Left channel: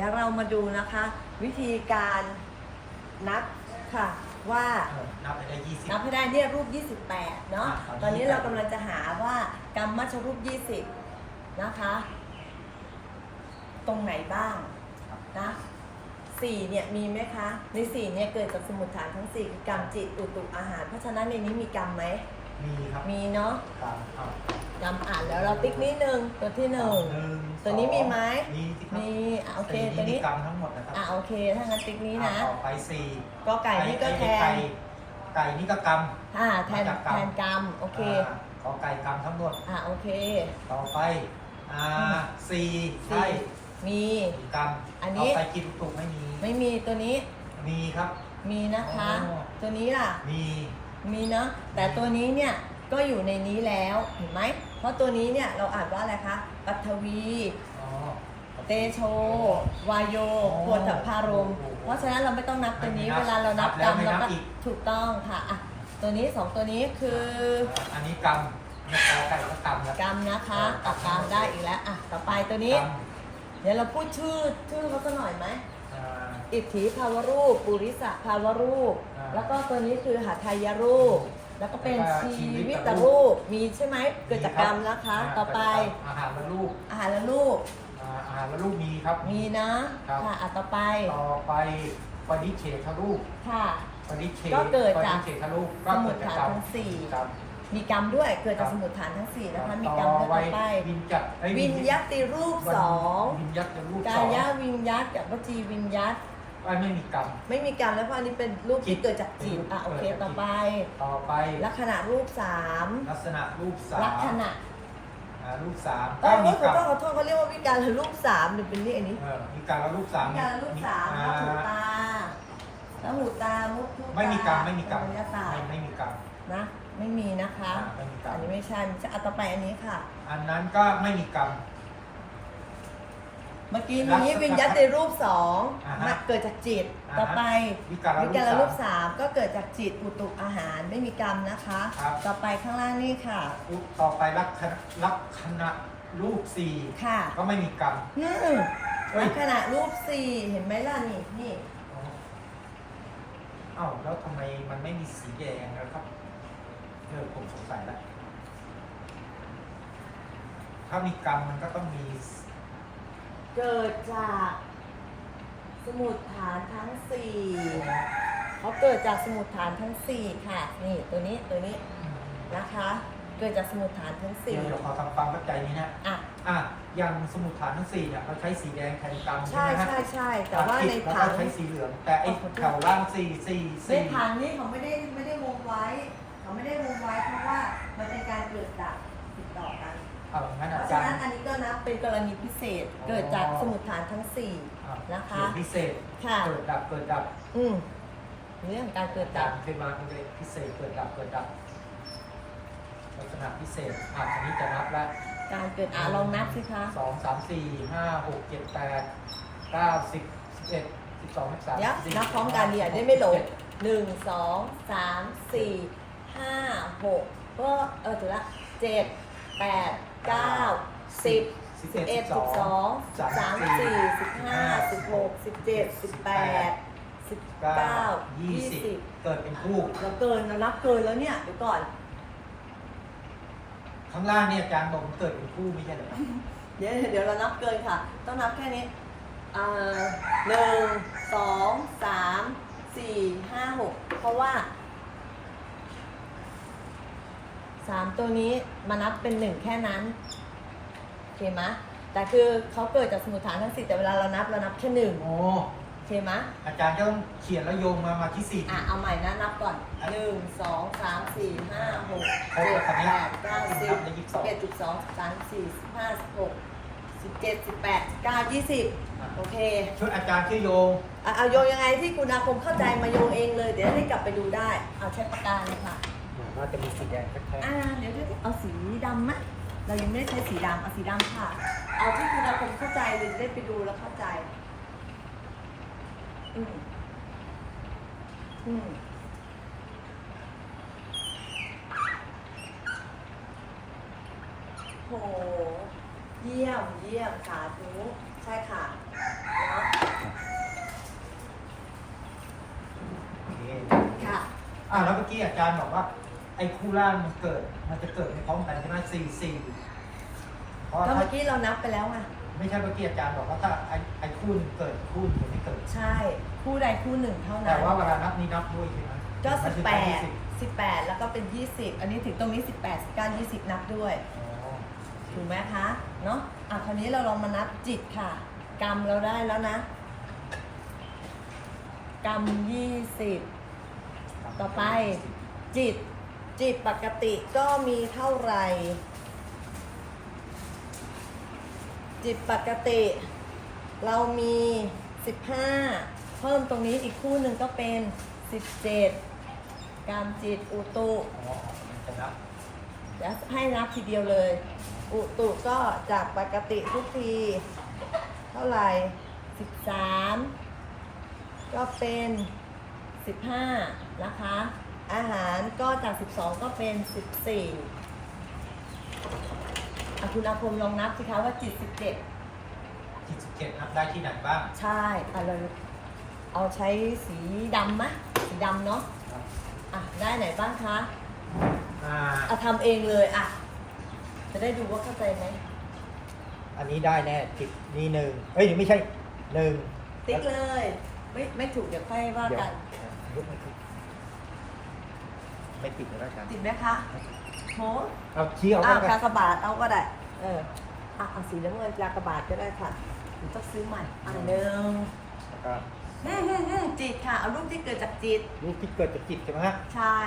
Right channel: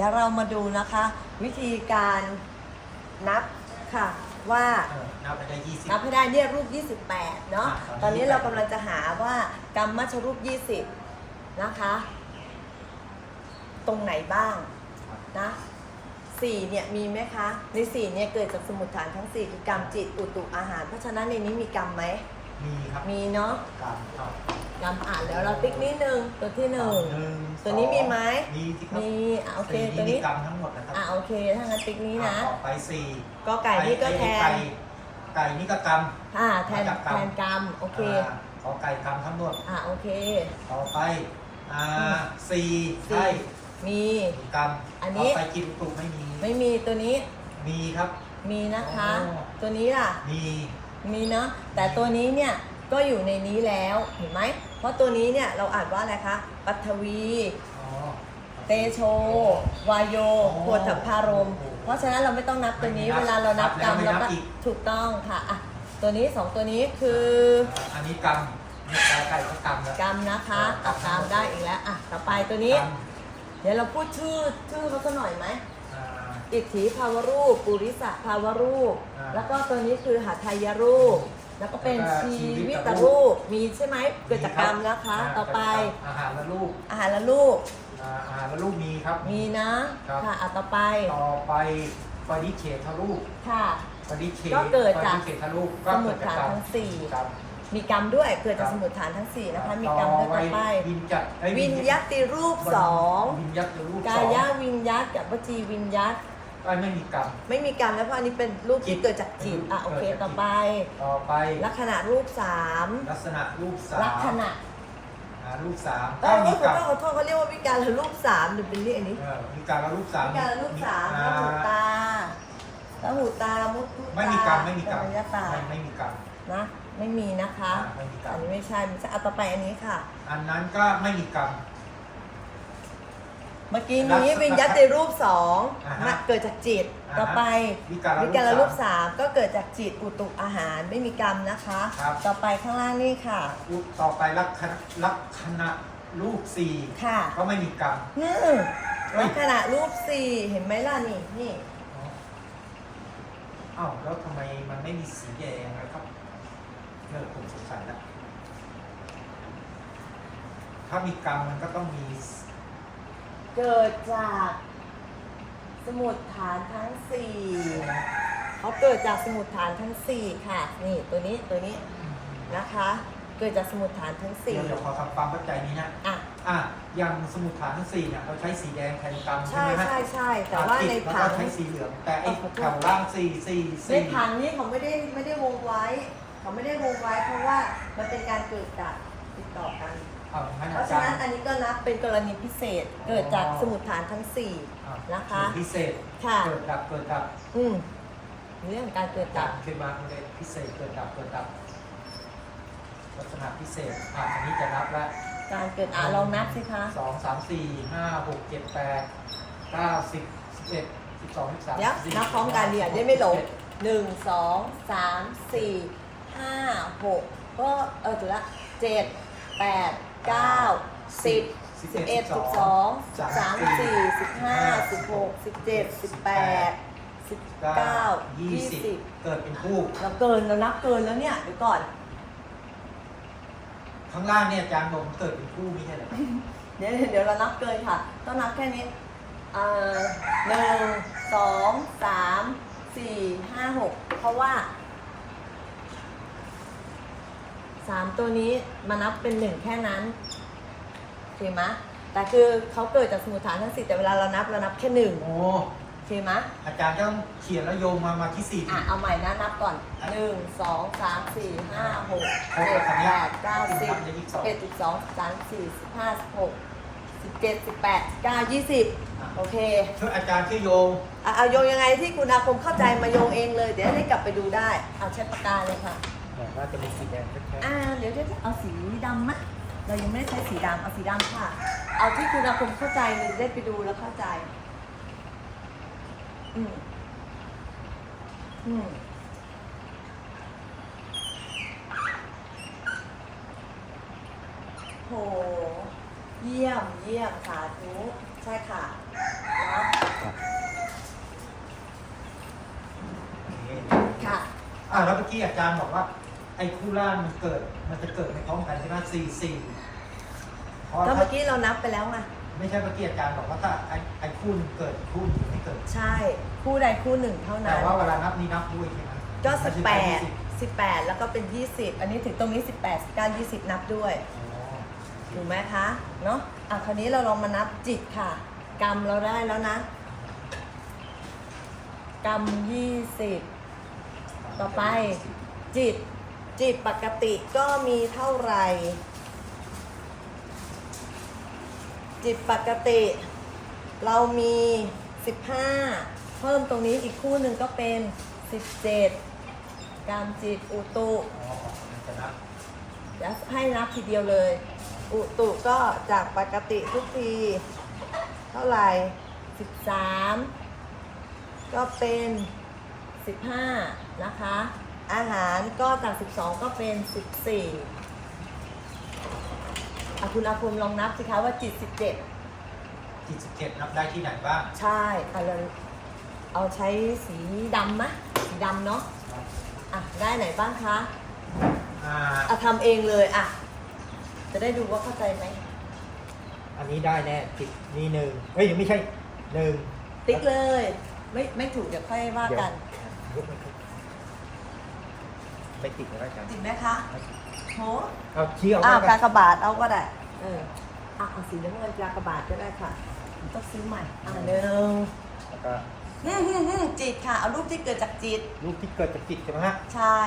ดี๋ยวเรามาดูนะคะ วิธีการนับค่ะว่าเออนับไปได้ยี่สิบ นับให้ได้เนี่ยรูป 28 เนาะอะตอนนี้28เรากำลังจะหาว่ากรรมมัชรูป 20 นะคะ ตรงไหนบ้างนะสี่เนี่ยมีไหมคะ ในสี่เนี่ยเกิดจากสมุดฐานทั้งสี่คือกรรมจิตอุตุอาหาร เพราะฉะนั้นในนี้มีกรรมไหม มีครับมีเนาะกรรมเอากรรมอ่านแล้วเราติ๊กนิดนึงตัวที่หนึ่ง หนึ่งตัวนี้มีไหม มีที่ครับมีอะโอเคสี่ตัวนี้มีกรรมทั้งหมดนะครับอะโอเคถ้างั้นติ๊กนี้นะ อ่ต่อไปสี่ก็ไก่นี่ก็แทไก่นไก่นี่ก็กรรม อ่าแทนมาจากกรรม แทนกรรมโอเคาขอไก่กรรมทั้งหมด อ่าโอเค ต่อไป อ่าสี่ใช่มี มีกรรมอันนี้ ต่อไปกินตุกไม่มี ไม่มีตัวนี้มีครับ มีนะคะ อ๋อ ตัวนี้ล่ะ มี มีเนาะแต่ตัวนี้เนี่ยก็อยู่ในนี้แล้วเห็นไหม เพราะตัวนี้เนี่ยเราอ่านว่าอะไรคะปัทวี อ๋อ เตโช วายโยอ๋อปวดถัพารมโอ้โหเพราะฉะนั้นเราไม่ต้องนับตัวนี้ไม่นับเวลาเรานับกรรมนับแล้วเราก็ไม่นับอีกถูกต้องค่ะอะ ตัวนี้สองตัวนี้คือ อันนี้กรรมเนี่ยไก่ก็กรรมแล้วกรรมนะคะครัเอาบกรรมได้อีกแล้วอะต่อไปตัวนี้กรรมเดี๋ยวเราพูดชื่อชื่อเขาสักหน่อยไหม อ่าอิทธิภาวรูป ปุริสะภาวรูป อ่าแล้วก็ตัวนี้คือหัตถยรูป แล้วก็เป็นแล้วก็ชีชีวิวิตตรูป มีใช่ไหมเกิดจากกรรมนะคะาต่อไปอาหารและลูกอาหารและลูกอ่าอาหารและลูกมีครับ มีนะ ครับ ค่ะอะต่อไป ต่อไปปฏิเฉทรูปค่ะ ปฏิเฉก็เกิดจากปฏิเฉทรูปก็สมุเกิดดจากฐานกรรมทั้งสี่กรรมมีกรรมด้วย เกิดจากครับ สมุดฐานทั้งสี่นะคะ มีกรรมด้วยต่อไป วินจัดเอ้ยวินยัตติรูปสอง วินยัตรูปกาสองยวินยัตกับวจีวินยัต ไอ้ยไม่มีกรรม ไม่มีกรรมแล้วเพราะอันนี้เป็นรูปจิที่ตเกิดจากจิตอะโอเค เกิดจากจิต ต่อไป ต่อไปลักษณะรูปสามลักษณะรูปสามลักษณะอ่ารูปสามเอ้ก็ยมีขอกรรโทมษขอโทษเขาเรียกว่าวิการรูปสามหรือเป็นเรียกอันนี้เออมีการละรูปสามวิการรูปสามอ่มุหูตาตาหูตามุดไม่มีกรรมไม่มีกรรมยตาไม่ไม่มีกรรมนะ ไม่มีนะคะ อ่าไม่มีกรรมอันนี้ไม่ใช่ไม่ใช่เอาต่อไปอันนี้ค่ะ อันนั้นก็ไม่มีกรรม เมื่อกี้ลักษนี้ณะวิญญาติรูปสองอ่าฮะเกิดจากจิตอ่าฮะต่อไปวิการละวิการรูปสามสามก็เกิดจากจิตอุตุอาหารไม่มีกรรมนะคะ ครับ ต่อไปข้างล่างนี่ค่ะรูปต่อไปลักษณะลักษณะรูปสี่ค่ะก็ไม่มีกรรม นี่เฮ้ย ลักษณะรูปสี่เห็นไหมล่ะนี่นี่อ๋อเอ้าแล้วทำไมมันไม่มีสีแดงนะครับเออผมสงสัยแล้วถ้ามีกรรมมันก็ต้องมี เกิดจากสมุดฐานทั้งสี่เขาเกิดจากสมุดฐานทั้งสี่ค่ะ นี่ตัวนี้ตัวนี้นะคะ เกิดจากสมุดฐานทั้งเดี๋สี่ยวเดี๋ยวขอทำความเข้าใจนี้นะอะอะอย่างสมุดฐานทั้งสี่เนี่ยเราใช้สีแดงแทนกรรมใช่ใช่ไหมฮะใช่ใช่แต่ว่าในอะผังแล้วก็ใช้สีเหลืองแต่ไอ้ขอโทษแถวล่างสี่สี่ในสี่ผังนี่เขาไม่ได้ไม่ได้วงไว้ เขาไม่ได้วงไว้เพราะว่ามันเป็นการเกิดดับติดต่อกัน เอางั้นเพอาราะจาฉะรนั้นย์ อันนี้ก็นับเป็นกรณีพิเศษอ๋อ เกิดจากสมุดฐานทั้งสี่อ่นะคะเกิดพิเศษค่ะ เกิดดับเกิดดับอืมเรื่องการเกิดดัดับบขึ้นมาเลยพิเศษเกิดดับเกิดดับลักษณะพิเศษอะอันนี้จะนับแล้ว การเกิดอะลองนับสิคะ สองสามสี่ห้าหกเจ็ดแปดเก้าสิบสิบเอ็ดสิบสองสิบสามเดี๋ยวสิบนับพร้อมกันเดี๋ยวได้ไม่หลงหนึ่งสองสามสี่ห้าหกก็เออถูกละเจ็ดแปด เก้าสิบสิบเอ็ดสิบสองสิบสามสิบสี่สิบห้าสิบหกสิบเจ็ดสิบแปดสิบเก้ายี่ยี่สิบสิบเกิดเป็นคู่เราเกินเรานับเกินแล้วเนี่ยเดี๋ยวก่อน ข้างล่างเนี่ยอาจารย์นมเกิดเป็นคู่ไม่ใช่เหรอเดี๋ยวเดี๋ยวเรานับเกินค่ะ ต้องนับแค่นี้เอ่อหนึ่งสองสามสี่ห้าหกเพราะว่า สามตัวนี้มานับเป็นหนึ่งแค่นั้นโอเคไหมแต่คือเขาเกิดจากสมุทฐานทั้งสี่แต่เวลาเรานับเรานับแค่หนึ่งโอ้โอเคไหมอาจารย์ก็ต้องเขียนแล้วโยงมามาที่สี่ อะเอาใหม่นะนับก่อนหนึ่งสองสามสี่ห้าหกเจ็ดแปดเก้าสิบในยี่สิบสองเอ็ดสิบสองสิบสามสิบสี่สิบห้าสิบหกสิบเจ็ดสิบแปดสิบเก้ายี่สิบโอเค ช่วยอาจารย์ช่วยโยง อะเอาโยงยังไงที่คุณอาคมเข้าใจมาโยงเองเลย เดี๋ยวให้กลับไปดูได้เอาใช้ปากกาเลยค่ะ ว่าจะมีสีแดงแค่อ่าเดี๋ยวจะเอาสีดำมะเรายังไม่ได้ใช้สีดำเอาสีดำค่ะ เอาที่คุณอาคุณเข้าใจเราได้ไปดูแล้วเข้าใจ อืมอืมโห เยี่ยมเยี่ยมสาธุใช่ค่ะค่ะ อ่าแล้วเมื่อกี้อาจารย์บอกว่า ไอ้คู่ล่างมันเกิด มันจะเกิดไม่พร้อมกันใช่ไหมสี่สี่เพราะก็ถ้าเมื่อกี้เรานับไปแล้วไงไม่ใช่เมื่อกี้อาจารย์บอกว่าถ้าไอ้ไอ้คู่หนึ่งเกิดคู่หนึ่งจะไม่เกิด ใช่คู่ใดคู่หนึ่งเท่านั้แต่นว่าเวลานับนี่นับด้วยใช่ไหมก็มันสิจะบแปได้ดสิบแปดแล้วก็เป็นยี่สิบอันนี้ถึงตรงนี้สิบแปดสิบเก้ายี่สิบนับด้วยอ๋อถูกไหมคะเนาะอะคราวนี้เราลองมานับจิตค่ะ กรรมเราได้แล้วนะ กรรมยี่สิบ ต่อไป จิต จิตปกติก็มีเท่าไหร่ จิตปกติ เรามี 15 เพิ่มตรงนี้อีกคู่หนึ่งก็เป็น 17กรรมจิตอุตุอ๋อมันจะนับเดี๋ยวให้นับทีเดียวเลย อุตุก็จากปกติทุกทีเท่าไหร่ 13 ก็เป็น 15 นะคะ อาหารก็จาก 12 ก็เป็น 14อะคุณอาคมลองนับสิคะว่าจิต 17 จิตสิบเจ็ดนับได้ที่ไหนบ้างใช่แต่เราเอาใช้สีดำไหมสีดำเนาะอะได้ไหนบ้างคะอ่าอะทำเองเลยอะ จะได้ดูว่าเข้าใจไหม อันนี้ได้แน่จิตนี่หนึ่งเอ้ยไม่ใช่หนึ่งติ๊กเลย ไม่ไม่ถูกเดี๋ยวค่อยว่าเดี๋ยวกันยกไม่ขึ้น ไม่ติดแล้วอาจารย์ติดไหมคะโหเอาชี้เอาอ้าวไว้กักานกบาทเอาก็ได้เอออะเอาสีน้ำเงินกากบาทก็ได้ค่ะหรือต้องซื้อใหม่อะหนึ่งแล้วก็อืมอืมอืมจิตค่ะ เอารูปที่เกิดจากจิต รูปที่เกิดจากจิตใช่ไหมฮะใช่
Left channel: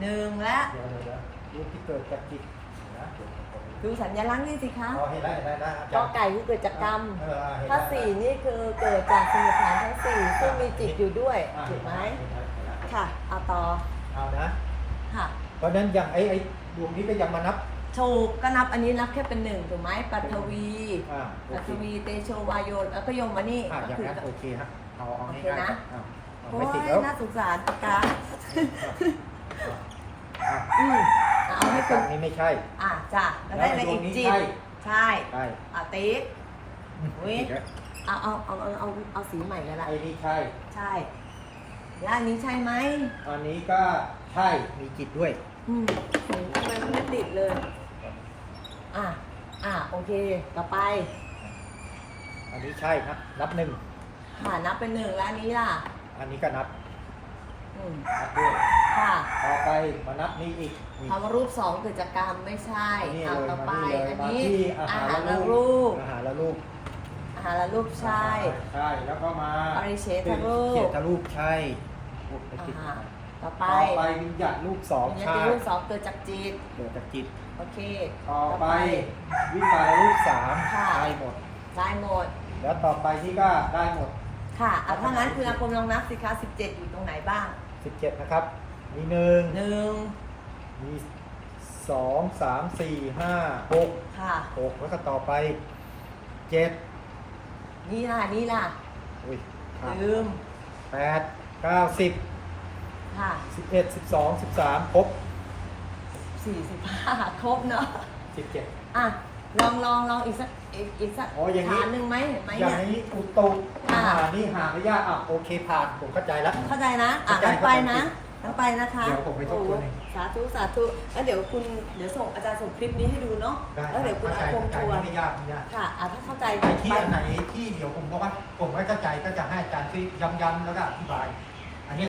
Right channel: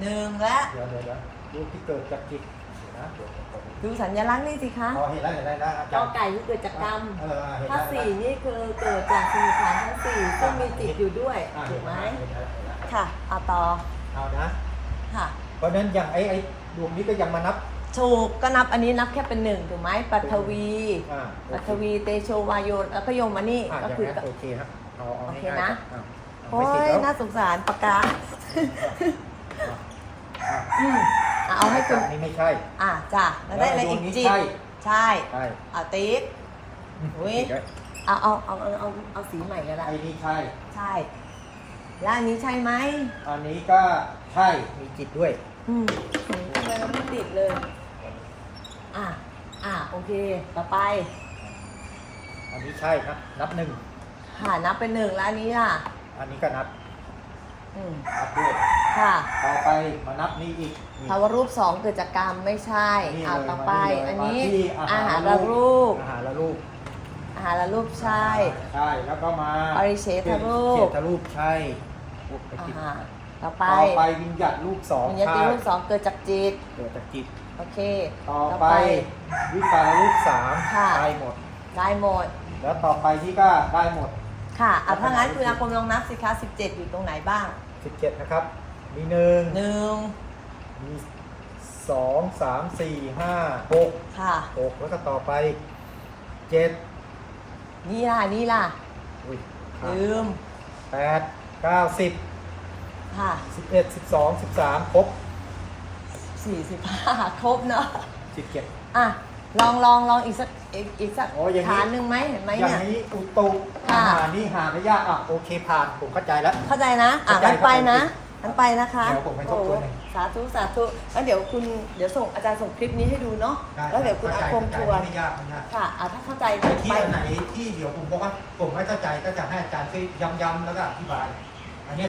หนึ่งและเดี๋ยวเดี๋ยวเดี๋ยวรูปที่เกิดจากจิตเดี๋ยวนะเดี๋ยวผมดูสัญลักษณ์นี่สิคะพอเห็นแล้วเห็นแล้วนะอากจาอรย์ไก่คือเกิดจากกรรมเออเห็นถ้าแล้วสี่นี่คือเกิดจากสมุทฐานทั้งสี่ซึ่งมีจิตอยู่ด้วยอ่าถูกไหมเห็นแล้วเห็นแล้วค่ะเอาต่อเอานะ ค่ะ เพราะฉะนั้นอย่างไอ้ไอ้ดวงนี้ก็ยังมานับ ถูกก็นับอันนี้นับแค่เป็นหนึ่งถูกไหมปัทวีอ่าโอปัเคทวีเตโชวายโยนแล้วก็โยมมานี่อ่าก็อย่างคือ นั้นโอเคฮะเอาเอาโอเคง่ายๆนะ ครับเอาเอาโอ้ไม่ยติดแล้วน่าสงสารปากกาอะอืมอะเอาให้จาถูกกนี้ไม่ใช่ อะจ้ะแล้วได้อะไรแล้วไอ้ดวอีงกนี้จิตใช่ ใช่ใช่อะติ๊กอุ๊ย ติดแล้วเอาเอาเอาเอาเอาเอาสีใหม่ก็ได้ไอ้นี่ใช่ ใช่ แล้วอันนี้ใช่ไหมอันนี้ก็ ใช่ มีจิตด้วย อืมทำไมเราไม่ติดเลย อะ อะ โอเค ต่อไป อันนี้ใช่ครับ นับหนึ่งหานับเป็นหนึ่งแล้วอันนี้ล่ะ อันนี้ก็นับ อืมนับด้วย ค่ะต่อไปมานับนี่อีกนี่ ภาวรูปสองเกิดจากกรรมไม่ใช่อันนี้เอาเลยต่อมาไปนี่เลยอันมานี้ที่อาอาหารหารและละรูรูปปอาหารและรูปอาหารละรูปใช่ ใช่ แล้วก็มาอริเชทรูปเขียนรูปใช่โอ้ไปติด อ่า ต่อไปต่อไปวิญญาณรูปสองวิญญาใช่ณรูปสองเกิดจากจิต เกิดจากจิต โอเค ต่อไปวิปารรูปสามค่ะได้หมด ได้หมด แล้วต่อไปที่ก็ได้หมด ค่ะเอาถ้างั้นคุณอาคมลองนับสิคะ17อยู่ตรงไหนบ้าง17นะครับ มีหนึ่งหนึ่งมีสองสามสี่ห้าหกค่ะหกแล้วก็ต่อไปเจ็ดนี่ล่ะนี่ล่ะอุ้ยขาดลืมแปดเก้าสิบ ค่ะสิบเอ็ดสิบสองสิบสามครบ45ครบเนาะสิบเจ็ดอะลองลองลองอีกสักอีกอีกสักอ๋ออย่างนี้ ฐานหนึ่งไหมเห็นไหมอย่างเนี่ย นี้อุตุค่ะอาหารนี่หาไม่ยากอะโอเคผ่านผมเข้าใจแล้ว เข้าใจนะ อะเข้าใจงั้นไปครับนะงั้นไปนะคะเดี๋ยวผมไปทบโอ้ทโหวนสาธุ สาธุแล้วเดี๋ยวคุณ เดี๋ยวส่งอาจารย์ส่งคลิปนี้ให้ดูเนาะ ได้แล้วเดี๋ยวคุณอาคมเข้าทัใจวร์ ไม่ยากไม่ยาก ค่ะ อะถ้าเข้าใจไอ้ที่ไปอันไหนที่เดี๋ยวผมบอกว่าผมไม่เข้าใจก็จะให้อาจารย์ช่วยย้ำๆแล้วก็อธิบาย